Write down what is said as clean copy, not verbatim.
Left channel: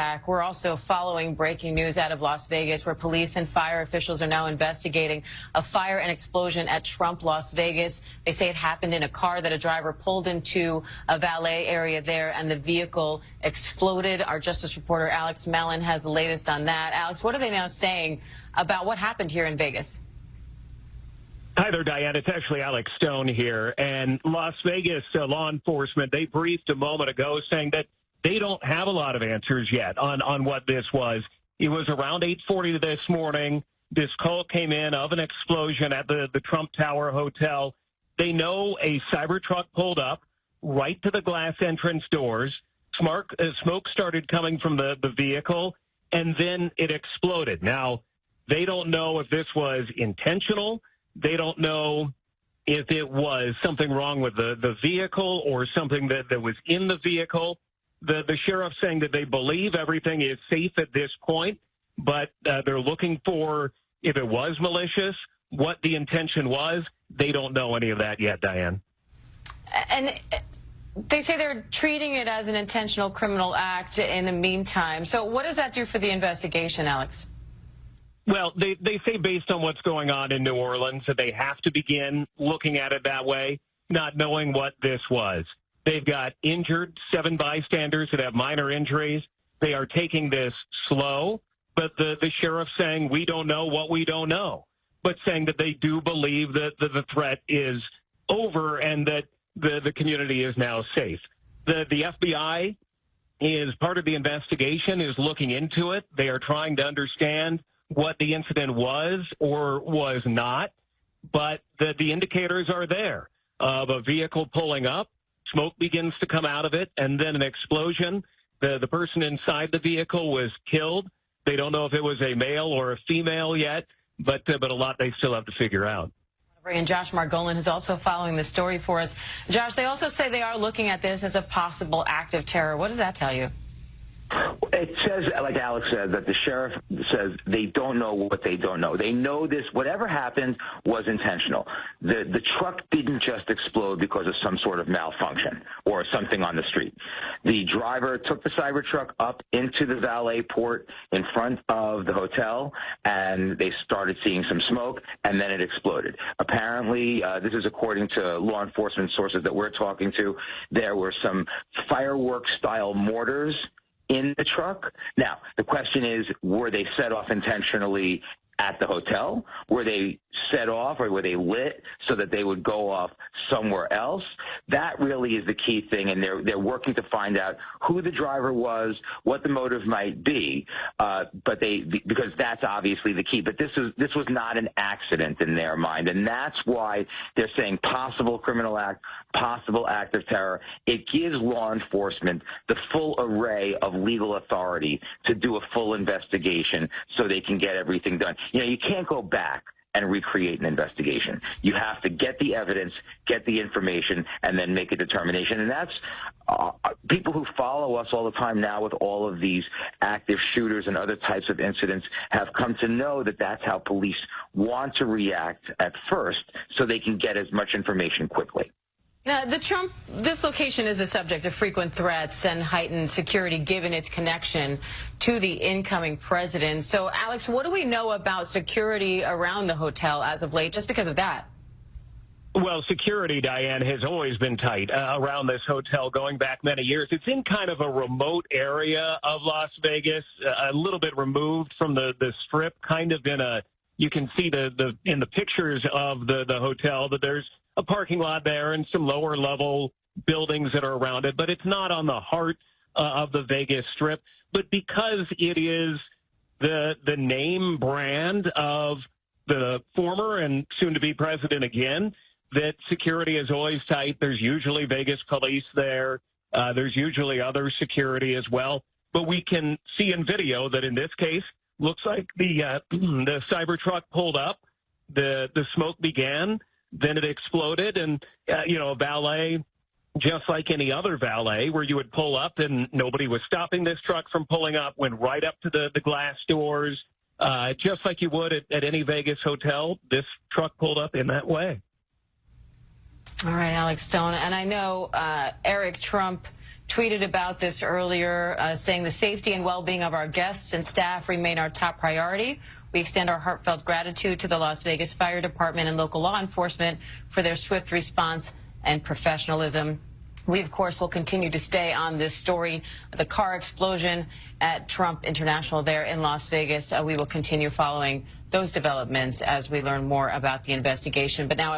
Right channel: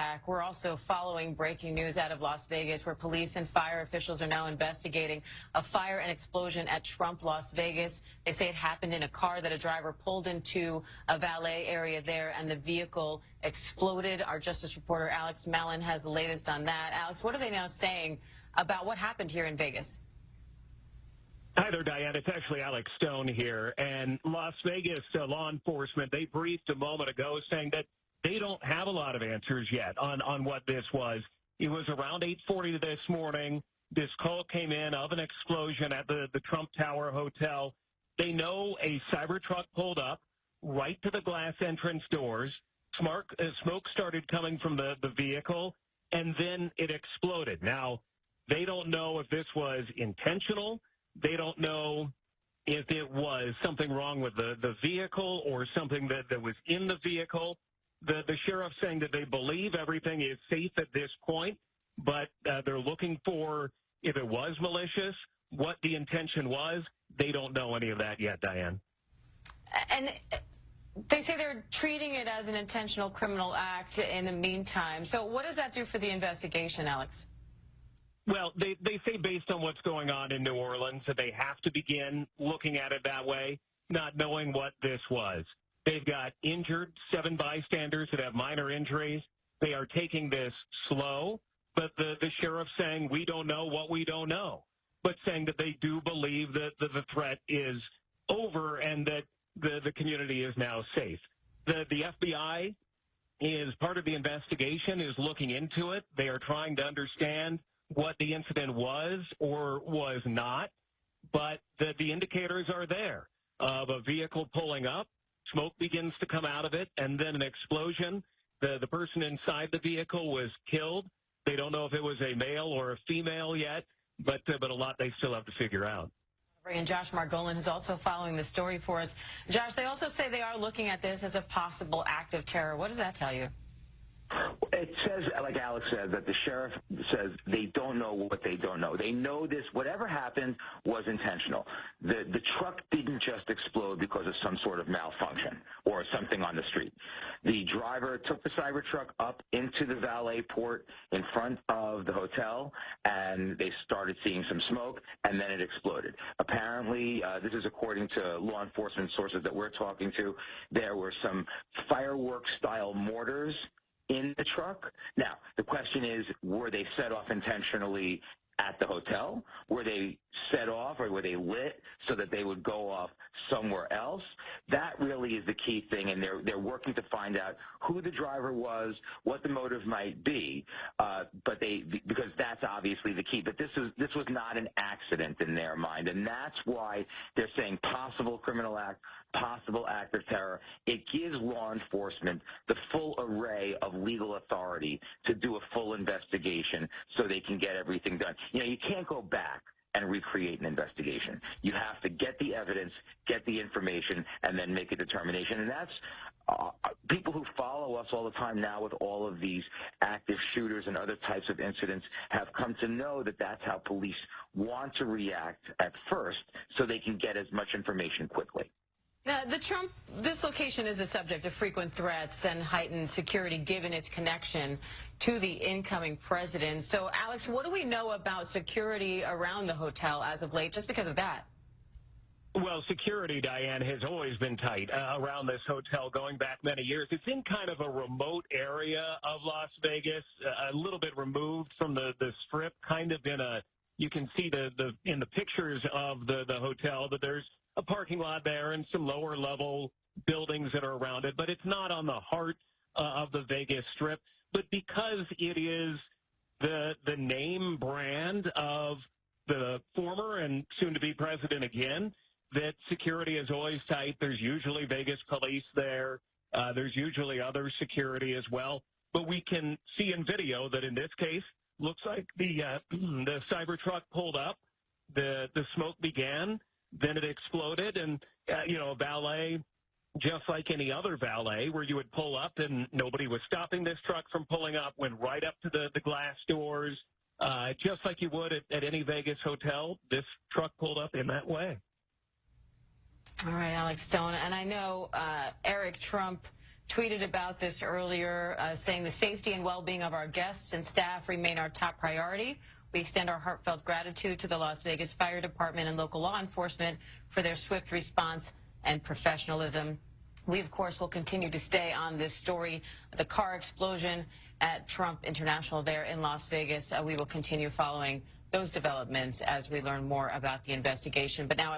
Back. We're also following breaking news out of Las Vegas, where police and fire officials are now investigating a fire and explosion at Trump Las Vegas. They say it happened in a car that a driver pulled into a valet area there, and the vehicle exploded. Our Justice reporter Alex Mellon has the latest on that. Alex, what are they now saying about what happened here in Vegas? Hi there, Diane. It's actually Alex Stone here. And Las Vegas law enforcement, they briefed a moment ago saying that they don't have a lot of answers yet on what this was. It was around 8:40 this morning. This call came in of an explosion at the Trump Tower Hotel. They know a cyber truck pulled up right to the glass entrance doors. Smoke started coming from the vehicle, and then it exploded. Now, they don't know if this was intentional. They don't know if it was something wrong with the vehicle or something that was in the vehicle. The sheriff saying that they believe everything is safe at this point, but they're looking for, if it was malicious, what the intention was. They don't know any of that yet, Diane. And they say they're treating it as an intentional criminal act in the meantime. So what does that do for the investigation, Alex? Well, they say based on what's going on in New Orleans that they have to begin looking at it that way, not knowing what this was. They've got injured 7 bystanders that have minor injuries. They are taking this slow, but the sheriff's saying we don't know what we don't know, but saying that they do believe that the threat is over and that the community is now safe. The FBI is part of the investigation, is looking into it. They are trying to understand what the incident was or was not, but the indicators are there of a vehicle pulling up. Smoke begins to come out of it, and then an explosion. The person inside the vehicle was killed. They don't know if it was a male or a female yet, but a lot they still have to figure out. And Josh Margolin is also following the story for us. Josh, they also say they are looking at this as a possible act of terror. What does that tell you? It says, like Alex said, that the sheriff says they don't know what they don't know. They know this, whatever happened was intentional. The truck didn't just explode because of some sort of malfunction or something on the street. The driver took the cyber truck up into the valet port in front of the hotel, and they started seeing some smoke, and then it exploded. Apparently, this is according to law enforcement sources that we're talking to, there were some fireworks-style mortars in the truck. Now, the question is, were they set off intentionally at the hotel? Were they set off or were they lit so that they would go off somewhere else? That really is the key thing, and they're working to find out who the driver was, what the motive might be, because that's obviously the key. But this was not an accident in their mind, and that's why they're saying possible criminal act, possible act of terror. It gives law enforcement the full array of legal authority to do a full investigation so they can get everything done. You know, you can't go back and recreate an investigation. You have to get the evidence, get the information, and then make a determination. And that's people who follow us all the time now with all of these active shooters and other types of incidents have come to know that that's how police want to react at first so they can get as much information quickly. Now, this location is a subject of frequent threats and heightened security given its connection to the incoming president. So, Alex, what do we know about security around the hotel as of late, just because of that? Well, security, Diane, has always been tight around this hotel going back many years. It's in kind of a remote area of Las Vegas, a little bit removed from the strip, kind of in a, you can see in the pictures of the hotel that there's a parking lot there and some lower level buildings that are around it, but it's not on the heart of the Vegas Strip. But because it is the name brand of the former and soon to be president again, that security is always tight. There's usually Vegas police there. There's usually other security as well. But we can see in video that in this case, looks like the cyber truck pulled up, the smoke began, then it exploded, and, a valet, just like any other valet, where you would pull up and nobody was stopping this truck from pulling up, went right up to the glass doors, just like you would at any Vegas hotel. This truck pulled up in that way. All right, Alex Stone. And I know Eric Trump tweeted about this earlier, saying the safety and well-being of our guests and staff remain our top priority. We extend our heartfelt gratitude to the Las Vegas Fire Department and local law enforcement for their swift response and professionalism. We, of course, will continue to stay on this story, the car explosion at Trump International there in Las Vegas. We will continue following those developments as we learn more about the investigation. But now